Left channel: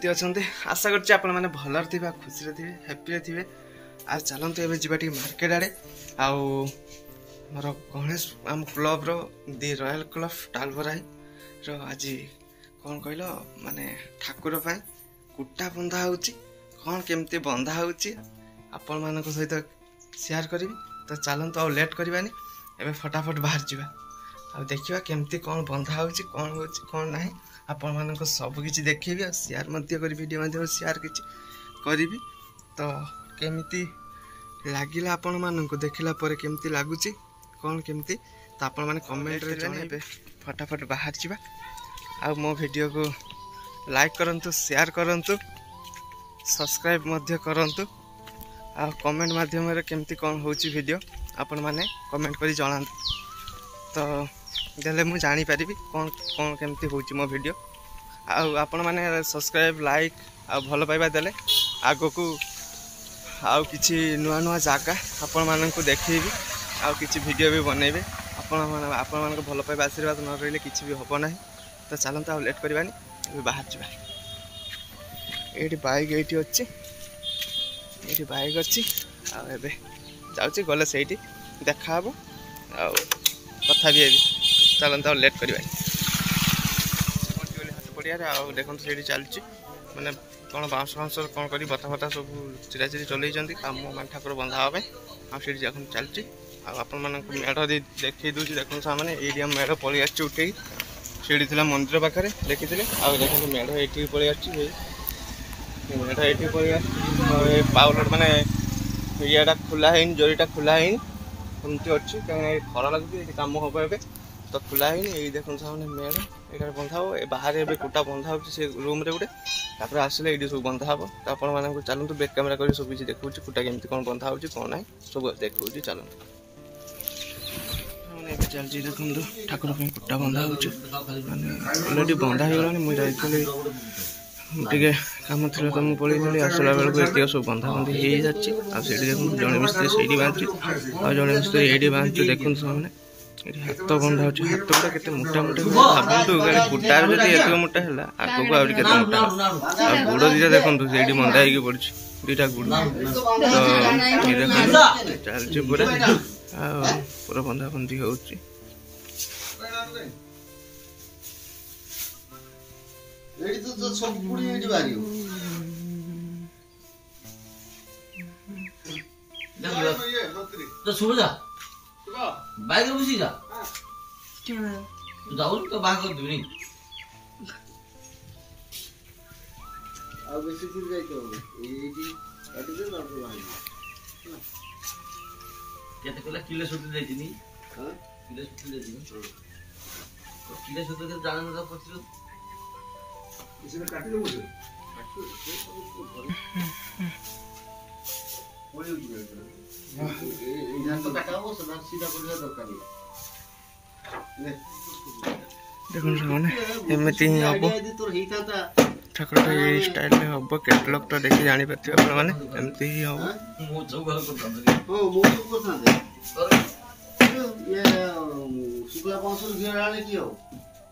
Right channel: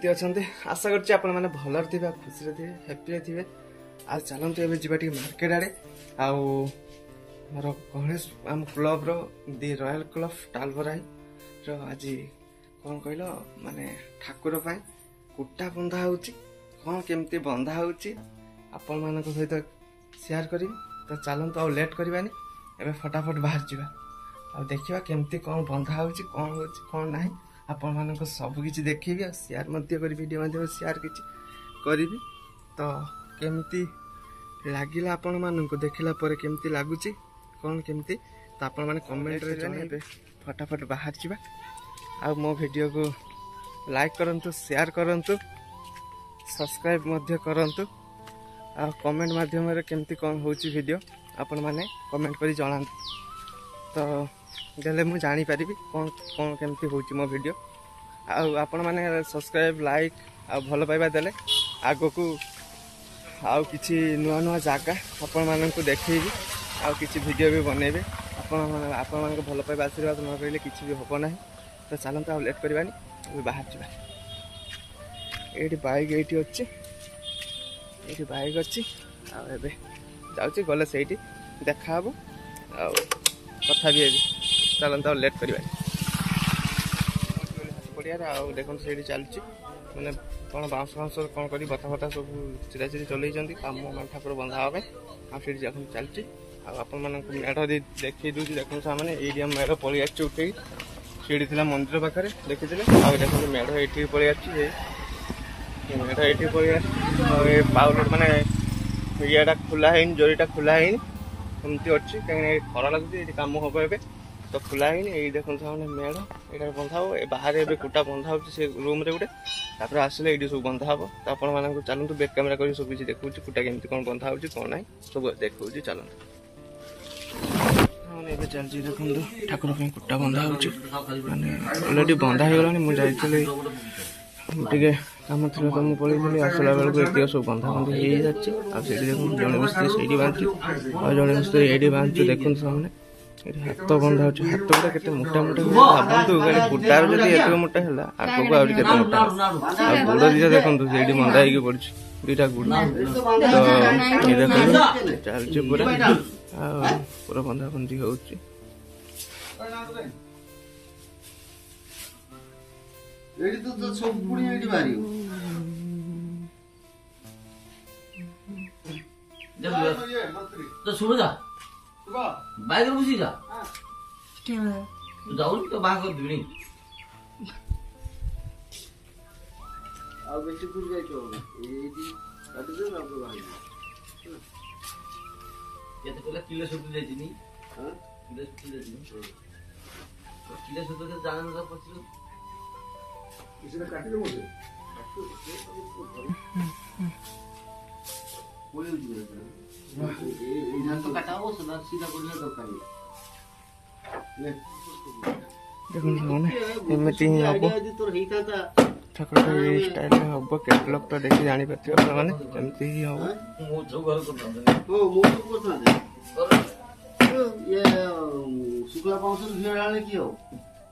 केमती अच्छा आशा करछि आपण माने भलर थिबा खुशी रे थिबे हैप्पी रे थिबे। आज चलते एबे जिबा टी मार्केट आड़े आउ मोर गणेश आम क्लब रो दि रॉयल क्लब टालवराई रो आज कौन कहल माने ठाकुर पाई कुटा बंधा होउची कौन केमती बंधा होउची आपण मानक सहित शेयर करी। तो चलते आउ लेट करबानी एबे फटाफट बाहर जावा आ देखिबा केमती कौन बंधा होउची कौन नाही आपण मानक सब किछि देखिबी आ शेयर मध्य करी वीडियो मध्य शेयर किछि करिवि। तो केमती लागिला आपण मानक देखिला परे केमती लागुची कौन केमती तो आपण माने कमेंट रे जणाइबे। फटाफट बाहर जावा आ मो वीडियो को लाइक करंतु शेयर करंतु सब्सक्राइब मध्य करंतु आ कमेंट माध्यम रे केमती कौन होउची वीडियो आपण माने कमेंट करी जणांतु। तो देले मु जानी परिबी कौन कौन केमती होउची मो वीडियो आपण माने सब्सक्राइब लाइक आ भलो पाइबा देले आगो को आउ किछि नुआ नुआ जागा आपण मानन को देखैबी आ किछि वीडियो भी बनेबे। आपण मान को भलो पाइबा आशीर्वाद न रहिले किछि भी होबो नाही। तो चलंत आ लेट करबानी बाहर जाबा। एठी बाइक एठी अछि एठी बाइक अछि आ एबे जाउची गले सेठी देखा हबो आ कथा भी हेबी। चलंत आ लेट करबानी हाथ पड़िया रे आ देखन सेठी चलची माने कौन बाउंस बाउंस कौन करी बता बता सब चिरा चिरी चलैछंती काम मान ठाकुर बंधा होबे आ सेठी जखन चलची आपण मानक मेढ देखै दूची देखन सामने एरिया मेढ पळि आछि उठै सीढ़ी थिला मंदिर पाखरे देखिथिले आ देखन मेढ एठी पळि आछि मेढ एठी पळि आछि आ ए पाउलर माने एरियाटा खुला हैन जोरीटा खुला हैन हमती अछि कहीं खरा लागुची एठी काम होबे एबे तो खुला हैन एई देखन सामने मेढ एटा बंधा हो ए बाहर एबे कुटा बंधा हो से रूम रे गुटे तापर आसले एडी सब बंधा हो। तो आपण मानक चलंतु बैक कैमरा करी सब किछि देखौची कुटा केमती कोन बंधा होची कोन नाही सब देखौची चलंतु। माने एबे चलजी देखंतु ठाकुर पे कुटा बंधा होची माने ऑलरेडी बंधा हे गलानी मु जाइतले टिके काम थिला तो मु पळीतली आसला बेल को एतियो सब बंधा बंधी हे जाची आ सेडी देखंतु जणे मिस्त्री सेडी बांची आ जणे मिस्त्री एडी बांची देखंतु सामने एडी हाथ बंधा होची हाथ गुडा केते मोटा मोटा भाबंतु गाली कुटार जदी एतो मोटा हला आको को आउडी केते मोटा आ गुडो दिजा देखंतु सेडी बंधा हे के पड़ची दुटा गुडो तो ये देखंतु चलची पूरा आ पूरा बंधा बंधी होची। एडी तो सब गुडी एडी बारी तो सुबह जा बाइक रे बुझी जा तू जाऊ तो बाहर कर दिनी आ बेसी दूर जाई तो एडी काटी दे ना भाई केते कोला किलो सुट दे दिनी हां किलो सुट दे दिनी तो किलो सुट के जान ना पछिरो इसने काटी दे मुझे बोली उजी ए जान तो काटा हो सदा सीधा कर दरकार ले देखन सामने एमती ही हबो ठाकुरटा ये स्टाइल में हबो कैटलॉग तो देखि जानि पथियो अपन माने एमती ही हबो मो जो घर को ओ मो को करता ये शुक्ला पाउसल घेराले की हो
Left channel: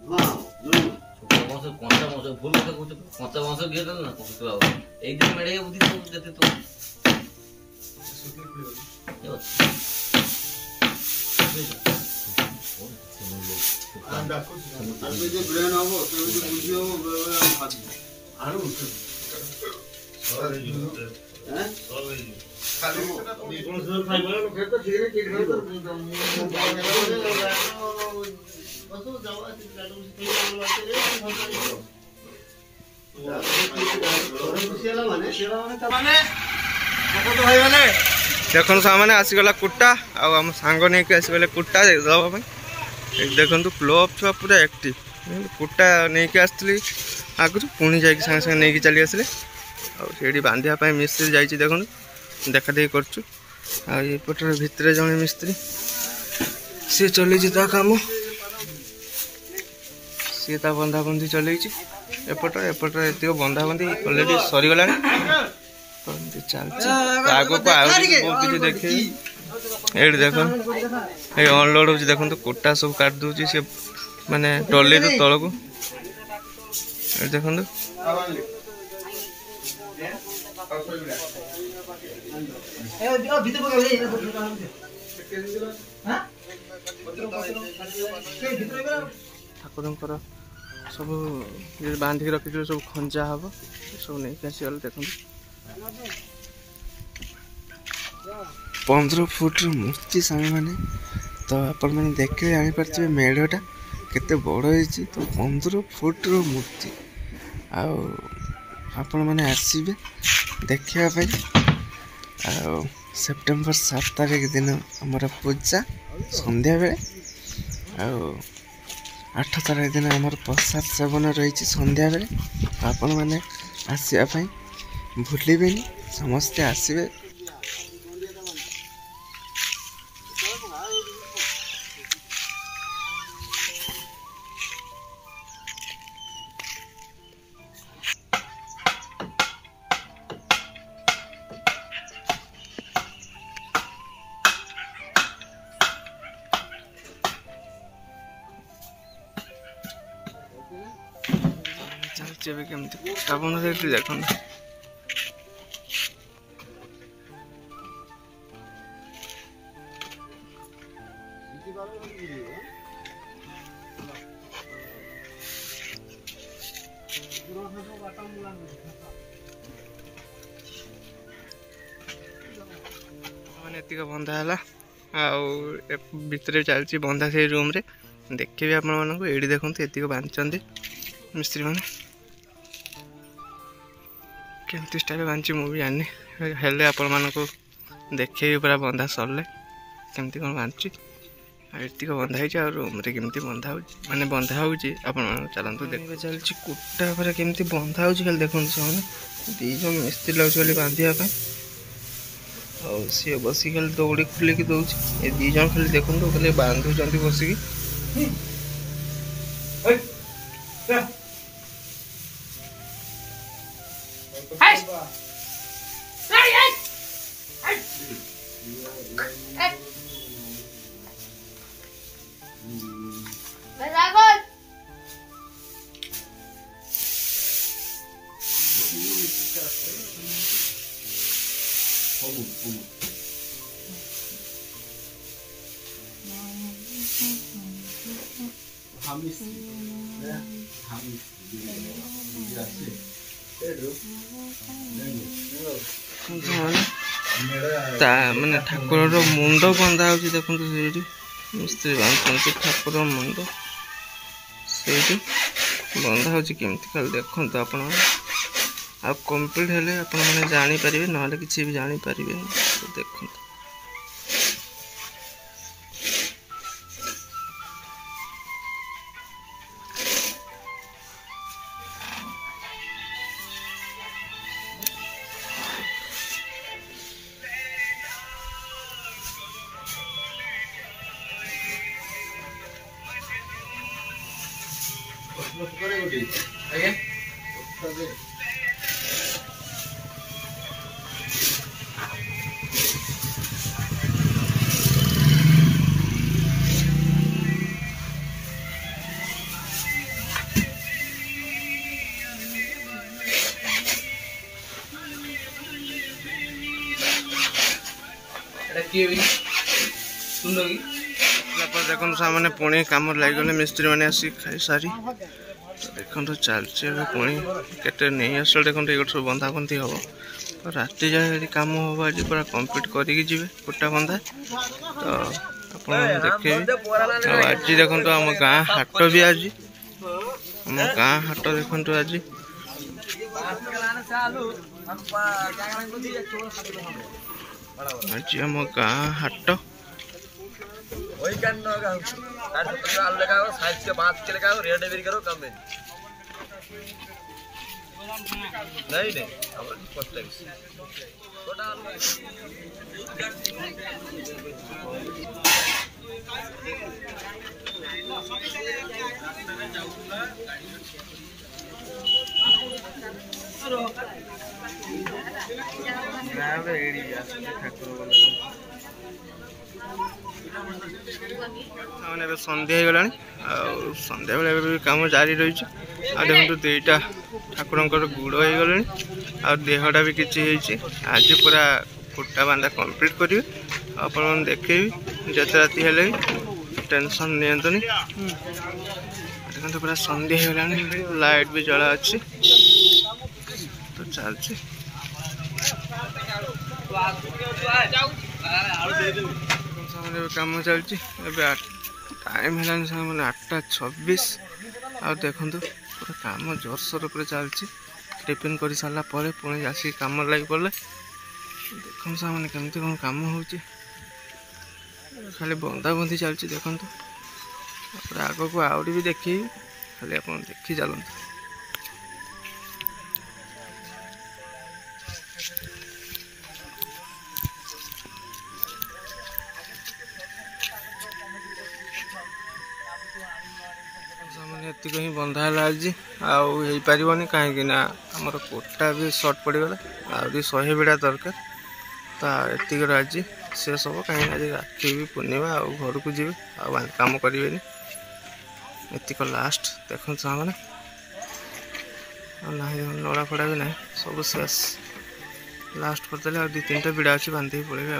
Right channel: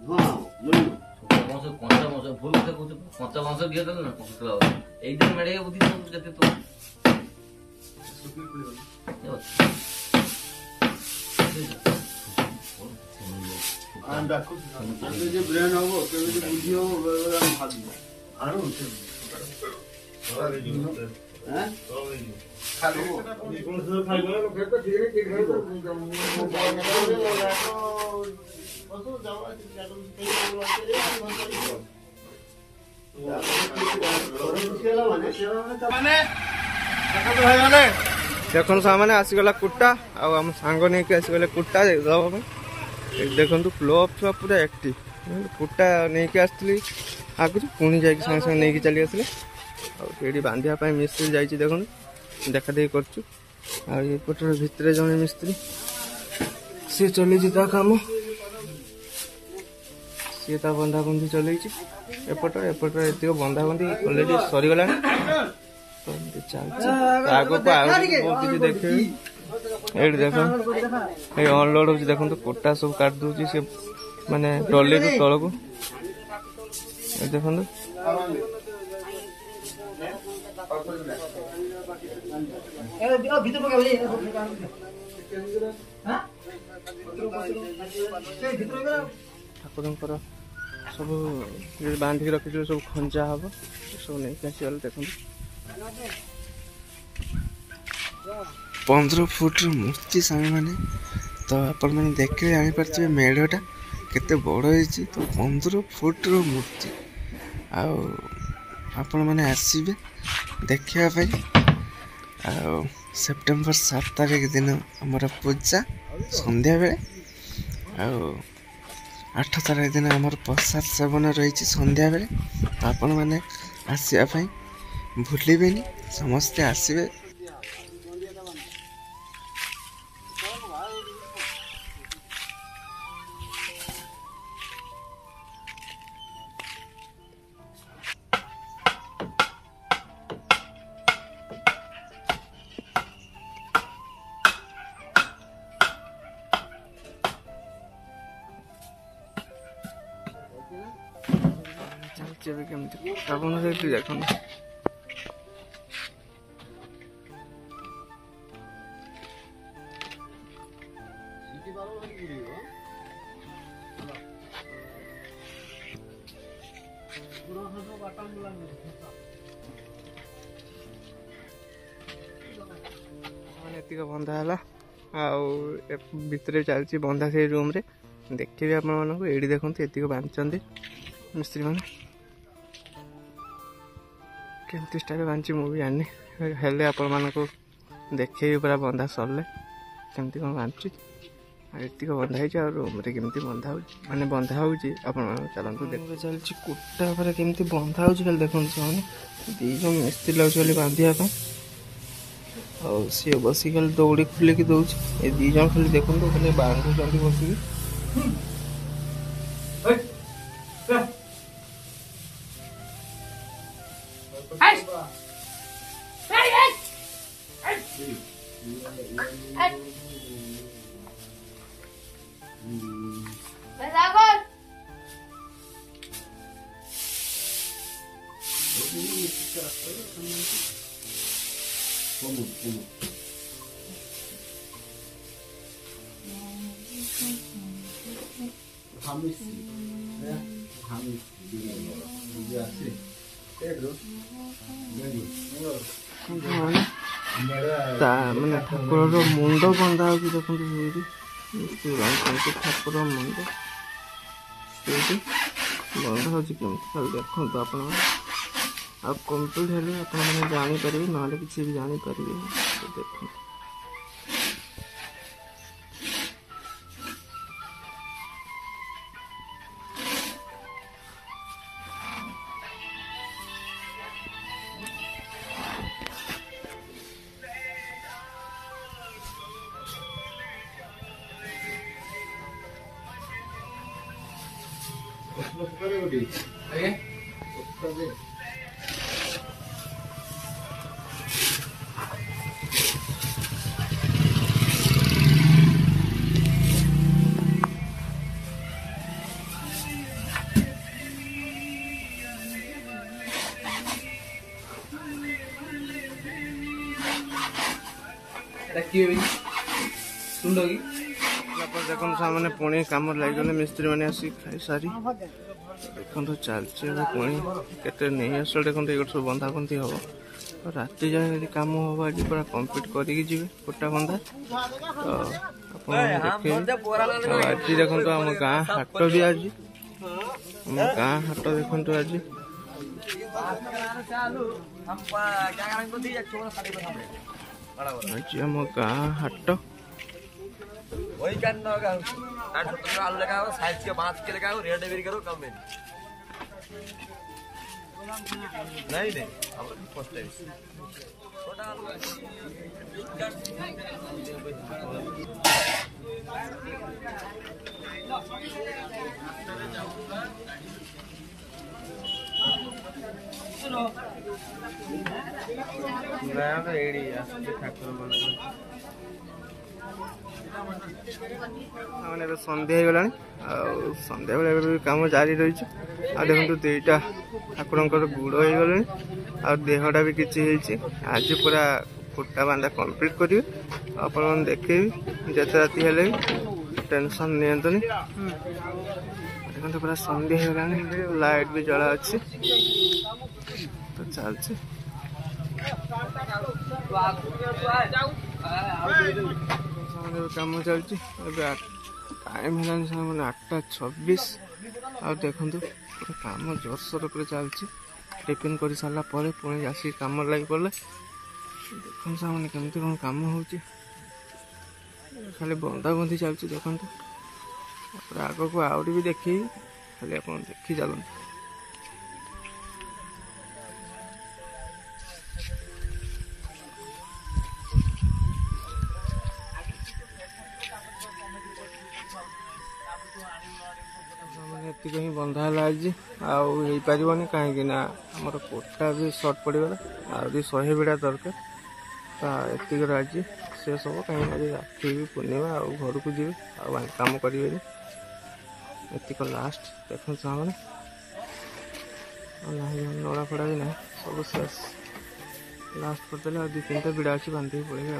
हां जो कोंचा मौसम फुल से कुछ कोंचा मौसम घेर ना शुक्ला एक दिन मेडे बुद्धि तो जते तो आंदा को आंदा जो ब्रेन हो तो बुद्धि हो हम हाजी आरो सॉरी हैं खाली निपुण से फाइबर लो खेत ठीक है ठीक है तो बसो जावा गाडो से बोला देखन सामने आसीगला कुटा आम सांग नहीं कि आसीगले कुटा दबा देखु क्लब छुआ पूरा एक्टिव कुटा नहीं कि आसती आगु पुणी जा सागे सागे नहीं चली आसले आड़ी बांधापी मिस्त्री जा देखो देखा देख करचु आपर भितर जड़े मिस्त्री सी चली काम सी बंधाबंधी चल एपट ये बंधाबंधी अलरेडी सरीगला चलती आग को बहुत किसी देखे ये देख ये अनलोड हो देखो कोटा सब काट दूसरी सी माने ट्रॉली तो तल को देखो ଠାକୁରଙ୍କର ସବୁ ବାନ୍ଧିକି ରଖିଥିବେ ସବୁ ଖଞ୍ଜା ହବ ସବୁ ନେଇକି ଆସିଗଲେ। ଦେଖନ୍ତୁ 15 ଫୁଟର ମୂର୍ତ୍ତି ସାଙ୍ଗମାନେ, ତ ଆପଣମାନେ ଦେଖିଲେ ଜାଣିପାରୁଥିବେ ମେଢ଼ଟା କେତେ ବଡ଼ ହେଇଛି। ତ 15 ଫୁଟର ମୂର୍ତ୍ତି, ଆଉ ଆପଣମାନେ ଆସିବେ ଦେଖିବା ପାଇଁ। ଆଉ ସେପ୍ଟେମ୍ବର 7 ତାରିଖ ଦିନ ଆମର ପୂଜା ସନ୍ଧ୍ୟାବେଳେ, ଆଉ 8 ତାରିଖ ଦିନ ଆମର ପ୍ରସାଦ ସେବନ ରହିଛି ସନ୍ଧ୍ୟାବେଳେ। ତ ଆପଣମାନେ ଆସିବା ପାଇଁ ଭୁଲିବେନି, ସମସ୍ତେ ଆସିବେ। ଚାଲିଛି ଏବେ କେମିତି ଆପଣ ସେଠି ଦେଖନ୍ତୁ। ମାନେ ଏତିକ ବନ୍ଧା ହେଲା, ଆଉ ଭିତରେ ଚାଲିଛି ବନ୍ଧା ସେଇ ରୁମ୍ରେ। ଦେଖିବି ଆପଣମାନଙ୍କୁ, ଏଇଠି ଦେଖନ୍ତୁ ଏତିକ ବାନ୍ଧିଛନ୍ତି ମିସ୍ତ୍ରୀ ମାନେ। କେମିତି ଷ୍ଟାଇଲ୍ ବାନ୍ଧିଛି ମୁଁ ବି ଜାଣିନି, ହେଲେ ଆପଣମାନଙ୍କୁ ଦେଖେଇବି ପୁରା ବନ୍ଧା ସରିଲେ କେମିତି କ'ଣ ବାନ୍ଧୁଛି। ଆଉ ଏତିକ ବନ୍ଧା ହେଇଛି, ଆଉ ରୁମ୍ରେ କେମିତି ବନ୍ଧା ହେଉଛି ମାନେ ବନ୍ଧା ହେଉଛି ଆପଣମାନଙ୍କୁ ଚାଲନ୍ତୁ ଦେଖିବେ। ଚାଲିଛି କୁଟା ଉପରେ କେମିତି ବନ୍ଧା ହେଉଛି ଖାଲି ଦେଖନ୍ତୁ। ସେମାନେ 2 ଜଣ ମିସ୍ତ୍ରୀ ଲାଗୁଛି ଖାଲି ବାନ୍ଧିବା ପାଇଁ, ଆଉ ସିଏ ବସିକି ଖାଲି ଦୌଡ଼ି ଖୋଲିକି ଦେଉଛି। ଏ 2 ଜଣ ଖାଲି ଦେଖନ୍ତୁ ଖାଲି ବାନ୍ଧୁଛନ୍ତି ବସିକି। ତା ମାନେ ଠାକୁରର ମୁଣ୍ଡ ବନ୍ଧା ହେଉଛି ଦେଖନ୍ତୁ। ସେଇଠି ମିସ୍ତ୍ରୀ ବାନ୍ଧୁଛନ୍ତି ଠାକୁର ମୁଣ୍ଡ, ସେଇଠି ବନ୍ଧା ହେଉଛି କେମିତି ଖାଲି ଦେଖନ୍ତୁ ଆପଣ। ଆଉ କମ୍ପ୍ଲିଟ୍ ହେଲେ ଆପଣମାନେ ଜାଣିପାରିବେ, ନହେଲେ କିଛି ବି ଜାଣିପାରିବେନି। ଦେଖନ୍ତୁ ଆଜ୍ଞା। ଦେଖନ୍ତୁ ସାମାନେ ପୁଣି କାମରେ ଲାଗିଗଲେ ମିସ୍ତ୍ରୀ ମାନେ ଆସିକି ଖାଇସାରି। ଦେଖନ୍ତୁ ଚାଲିଛି ଏବେ ପୁଣି କେତେ ନେଇ ଆସିଲେ ଦେଖନ୍ତୁ। ଏଇଟା ସବୁ ବନ୍ଧା ବନ୍ଧି ହବ, ରାତି ଯାଏ ଯଦି କାମ ହବ ଆଜି ପୁରା କମ୍ପ୍ଲିଟ୍ କରିକି ଯିବେ କୁଟା ବନ୍ଧା। ତ ଆପଣମାନେ ଦେଖେଇବି। ଆଉ ଆଜି ଦେଖନ୍ତୁ ଆମ ଗାଁ ହାଟ ବି, ଆଜି ଆମ ଗାଁ ହାଟ ଦେଖନ୍ତୁ। ଆଜି ଆମ ଗାଁ ହାଟ। ଏବେ ସନ୍ଧ୍ୟା ହେଇଗଲାଣି, ଆଉ ସନ୍ଧ୍ୟାବେଳେ ଏବେ ବି କାମ ଜାରି ରହିଛି। आ देखो दुईटा ठाकुर गुड़ हो गले आ देहटा भी किसी आज पूरा फुटा बांधा कंप्लीट करी आप देखे जिते राति हेले टेंशन नियंतुनी देखो पूरा संध्या हो गला लाइट भी जला अच्छी तो चलती कम चलती टाइम है मैंने 8:26 आ देखु पूरा कम जोरसोर पर चलती टिफिन कर सारा पुणी आसिक कम लगी पड़े देखो मैंने केमती कौन कम हो खाली बंधा बंधी चलती देखो आग को आहरी भी देखी खाली आप देखी चलते एतिक ही बंधा है आज आईपारनि कहीं आमर कोटा भी सर्ट पड़गला आहरी 100 बिड़ा दरकार तो एतिक आज शेष हम कहीं आज राखी भी पूर्णिमा आ घर को जी काम करें एतिक लास्ट देखो मैंने नड़ा फड़ा भी ना सब शेष लास्ट करदे 2-3टा बिड़ा अच्छी बांधिक पड़े आ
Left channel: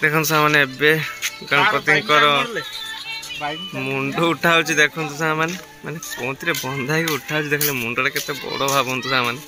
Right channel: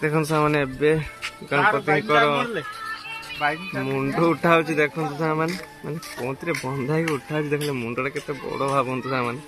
देखो सामने गणपति मुंड उठा देखो सामने माने कौन बंधा उठा देखले मुंडा केते बड़ भावतु सामने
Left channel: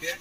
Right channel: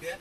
क्या